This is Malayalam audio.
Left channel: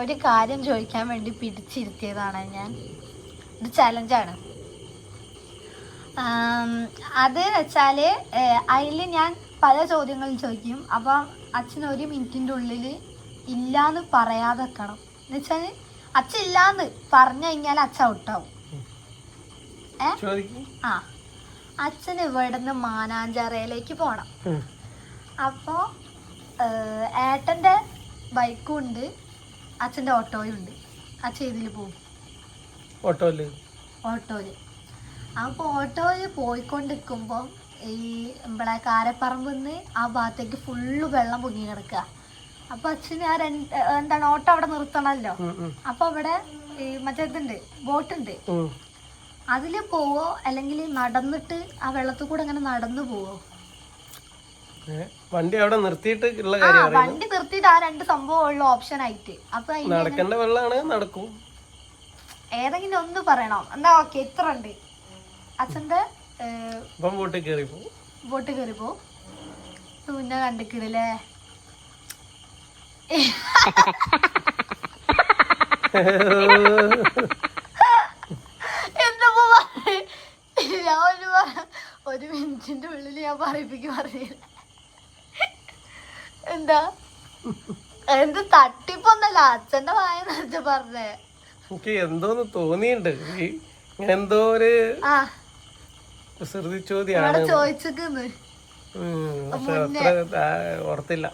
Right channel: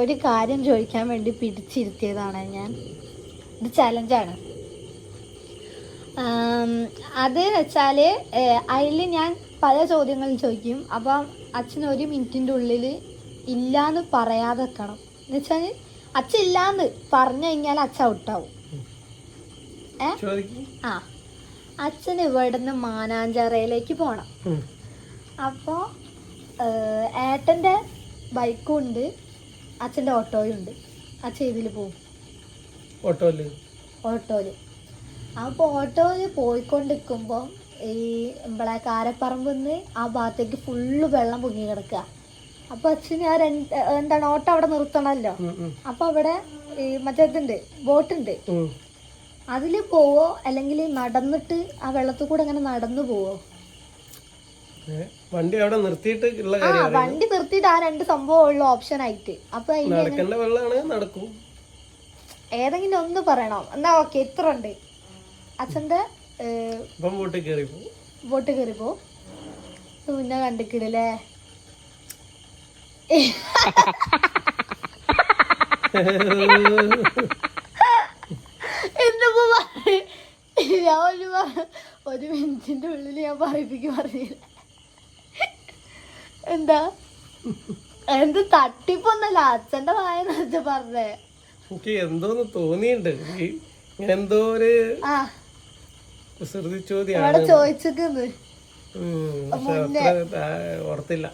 ഒരു കാര്യം ചോദിക്കാൻ വേണ്ടി പിടിച്ചിരുത്തിയതാണ് ഞാൻ. ഇത് ചലഞ്ചാണ്. അത് വെച്ചാല് അതില് ഞാൻ പല ചോദ്യങ്ങളും ചോദിക്കും. അപ്പൊ അച്ഛൻ 1 മിനിറ്റിന്റെ ഉള്ളിൽ ഇല്ലാന്ന് പറയാതെ വെക്കണം. എന്ന് വെച്ചാല് അച്ഛൻ ഇല്ലാന്ന് പറഞ്ഞു കഴിഞ്ഞാൽ അച്ഛൻ ഔട്ടാവും. ആ, അച്ഛൻ ഇവിടുന്ന് മാനാഞ്ചിറയിലേക്ക് പോണം. അപ്പൊ ഏട്ടന്റെ ബൈക്കും ഉണ്ട്, അച്ഛന്റെ ഓട്ടോയും ഉണ്ട്. അച്ഛൻ ഇതില് പോകും, ഓട്ടോയില്. അപ്പൊ ഓട്ടോയില് പോയിക്കൊണ്ടിരിക്കുമ്പോ ഈ നമ്മളെ കാരപ്പറമ്പിന്ന് ആ ഭാഗത്തേക്ക് ഫുള്ള് വെള്ളം പൊങ്ങി കിടക്കുക. അപ്പൊ അച്ഛന് ആ എന്താണ് ഓട്ടോ അവിടെ നിർത്തണല്ലോ. അപ്പൊ അവിടെ മറ്റേതുണ്ട്, ബോട്ടുണ്ട്. അതില് പോവോ അല്ലെങ്കിൽ നടന്നിട്ട് ആ വെള്ളത്തിൽ കൂടെ അങ്ങനെ നടന്നു പോവോ? വണ്ടി അവിടെ നിർത്തിയിട്ട് വണ്ടി നിർത്തിയിട്ട് ആ 2 സംഭവം ഉള്ള ഓപ്ഷൻ ആയിട്ട്. അപ്പൊ നടക്കേണ്ട വെള്ളമാണ്, നടക്കും. ഏതെങ്കിലും ഒന്ന് പറയണോ? എന്താ ഓക്കെ, ഇത്ര ഉണ്ട്. അച്ഛന്റെ ബോട്ട് കയറി പോ. പിന്നെ കണ്ടിക്കിടല്ലേ എന്താ 1 മിനിറ്റിന്റെ ഉള്ളിൽ ഞാൻ പറഞ്ഞു. എന്താ എന്ത് തട്ടിപ്പൊന്നല്ല, അച്ഛന്റെ വായ നിറച്ച് പറഞ്ഞേ. എനിക്ക് എന്തോന്ന് തോന്നിയുണ്ട്, എന്തോ ഒരു കുസൃതി ചോദ്യാണ് ചോദിച്ചത്. പക്ഷെ അത്ര ഓർത്തില്ല.